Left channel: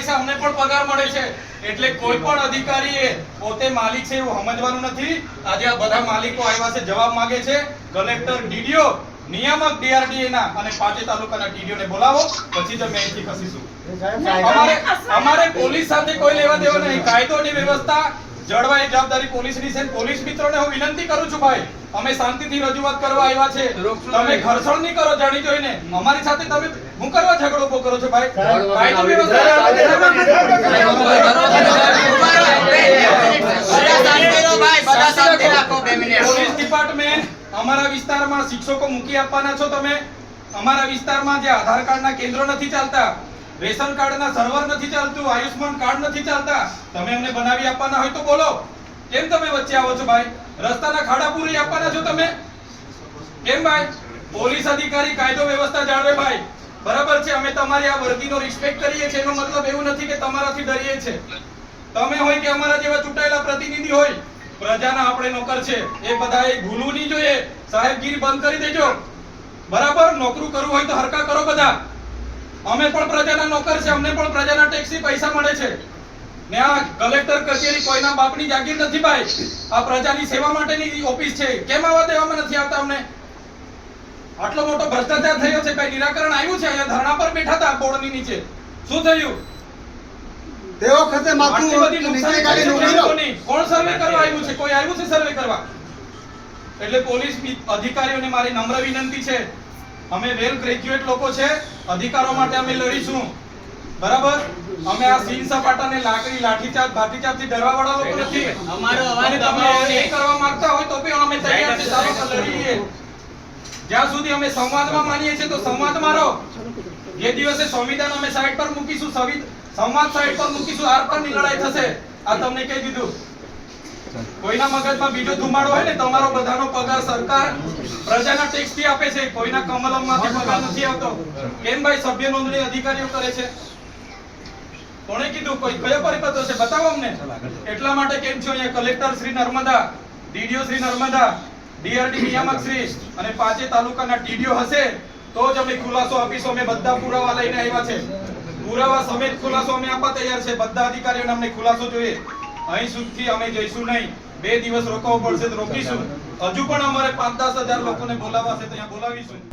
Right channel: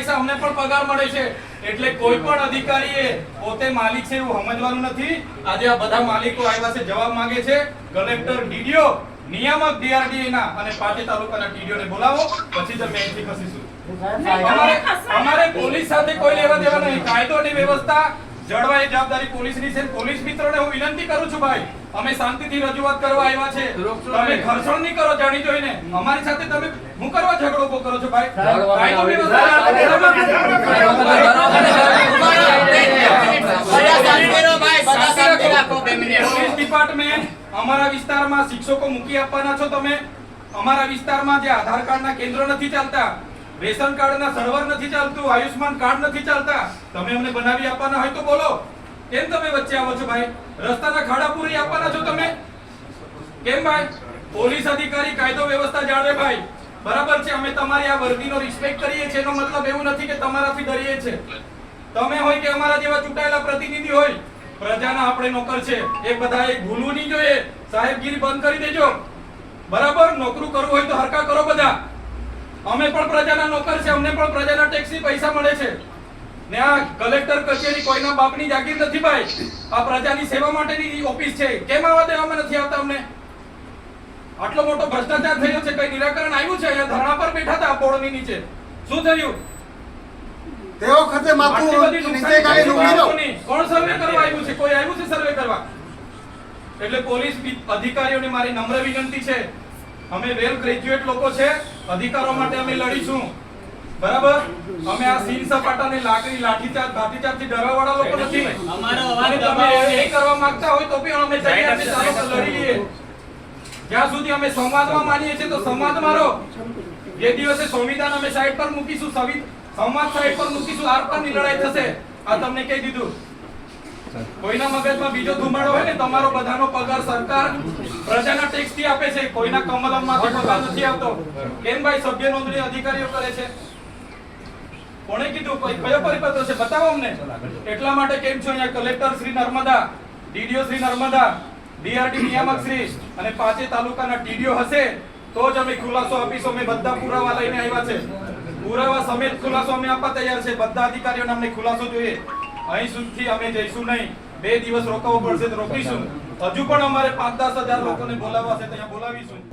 પૈસા અમને પણ પગાર મળે છે એટલે કોઈ પણ અધિકારી પોતે માલિક છે એવું સમજવાનું નથી આજે આ બધા માલિકો આવ્યા છે જવાબ માંગે છે કલેક્ટર ડીડીઓ નિયામક ડીઆરડીએ ના અને પાંચે તાલુકાના ટીડીઓ ને બોલાવો પછી જ અમે અહીંથી ખસીશું અમારે પોલીસ સાથે કોઈ લેવા દેવા નહીં ની વ્યવસ્થા જળવાય જવાબદારી પોલીસની છે પોલીસ મિત્રો ને હું વિનંતી કરું છું ભાઈ અમે શાંતિથી રજૂઆત કરવા આવ્યા છે તમે ઘર્ષણ નહીં કરો જાણી જોઈને અમારી સાથે તમે હું કરવા ઝઘડો ઉભો કરો છો ભાઈ કાઈ પોલીસ ડિપાર્ટમેન્ટ અમારા વિસ્તારમાં શિક્ષકો મૂકી આપવાના છો તમે અમારા વિસ્તારમાં જે આધાર કાર્ડ ના કેન્દ્રો નથી ચાલતા રેશન કાર્ડ ના સર્વર નથી ચાલતું આયુષ્માન કાર્ડ નથી ચાલતા તમે અમને બનાવી આપવાના હોય તો બોલો કેમ તમે વચ્ચે આવો છો ભાઈ રસ્તાના ખાડા પૂરી આપવાના છો તમે કેમ ભાઈ પોલીસ અધિકારી કાયદો વ્યવસ્થા જાળવે ભાઈ બરાબર છે અમે તમારી આ વર્દીનો રિસ્પેક્ટ કરીએ છીએ એનો મતલબ એવું નથી કે તમારાથી ડરીએ છે તમે હોય કે અમારા જેવા ચૂંટાયેલા પ્રતિનિધિ હોય પ્રજાના આપણે નોકર છે એ બધા એ ભૂલવું નહીં જોઈએ સાહેબગીરી બંધ કરી દેજો બરાબર નોકરું કરવું હોય તો હરકા કરો બધા અમે પણ પ્રજાના નોકર છે અમને પણ પ્રજાના ટેક્સી પૈસા મળે છે ને આ કલેક્ટર કચેરી કોઈના બાપની જાગીર નથી ભાઈ આ પ્રજાની સેવા માટેની ઓફિસ છે કેમ આવા દેવામાં નથી આવતા અમને આટલો મોટો ભ્રષ્ટાચાર થયો છે કઈ નિરાકરણ આવ્યું છે અહીંયા ધરણા પર બેઠા હતા બોર્ડની નીચે શું થયું તે વખતે માથું નીચે ગાડી લુગડી કોણ સર્વે કરવા આવ્યું છે કોઈ આવ્યું છે સર્વે કરવા એટલે પોલીસ અધિકારીઓને મારી નમ્ર વિનંતી છે અમે વેલ ગ્રેજ્યુએટ લોકો છે અધિકારો માટે અમે લડીશું બરાબર અમે આ સીન સપાટાને લાકડી લાઠીચાર્જ ભાતીચાર્જથી ડરવા વાળા લોકો નથી અમારો અવાજ તમે એ કરવા માંગતા હોય તો પણ અમે તૈયાર છે ચાલો લડીએ જ્યાં સુધી અમે સંવાદમાં માનીએ છીએ તો સંવાદ મારો જે દિવસે સંવિધાન અમે સાઈડ પર મૂકીશું સંવાદ સાઈડ પર મૂકીશું આર પરની લડાઈ થશે આ તમને કહી દીધું કોઈના મગજમાં બીજો ધુમાડો હોય ને તમારો બધાનો પગાર સરકાર પ્રજાના ટેક્સ થી આપે છે કોઈના કમલમમાંથી પગાર નથી આવતો કેમ ભાઈ સભ્ય નોંધણી અધિકારીઓ કરે છે કોણે કીધું કોઈ કયો પરિપત્ર છે બતાવો અમને એટલા માટે કેમ છો અહીંયા collector Shri Narmada DDO Shri Narmada DRD નિયામક શ્રી અને પાંચે તાલુકાના ટીડીઓ હશે તો જ અમે ખુલાસો આપીશું અમે બધા પુરાવા લઈને આવ્યા છે પુરાવા સમેત ખુલાસો અમે આપવા તૈયાર છે બધા અધિકારીઓને અમને ખુલાસો જોઈએ અહીં સુધી અમે જઈશું નહીં બે દિવસ રોકાવું પડશે તો રોકીશું હજુ પણ અમારે પાંચ દસ હજાર લોકોને બોલાવવા છે તો અહીંયા બોલાવીશું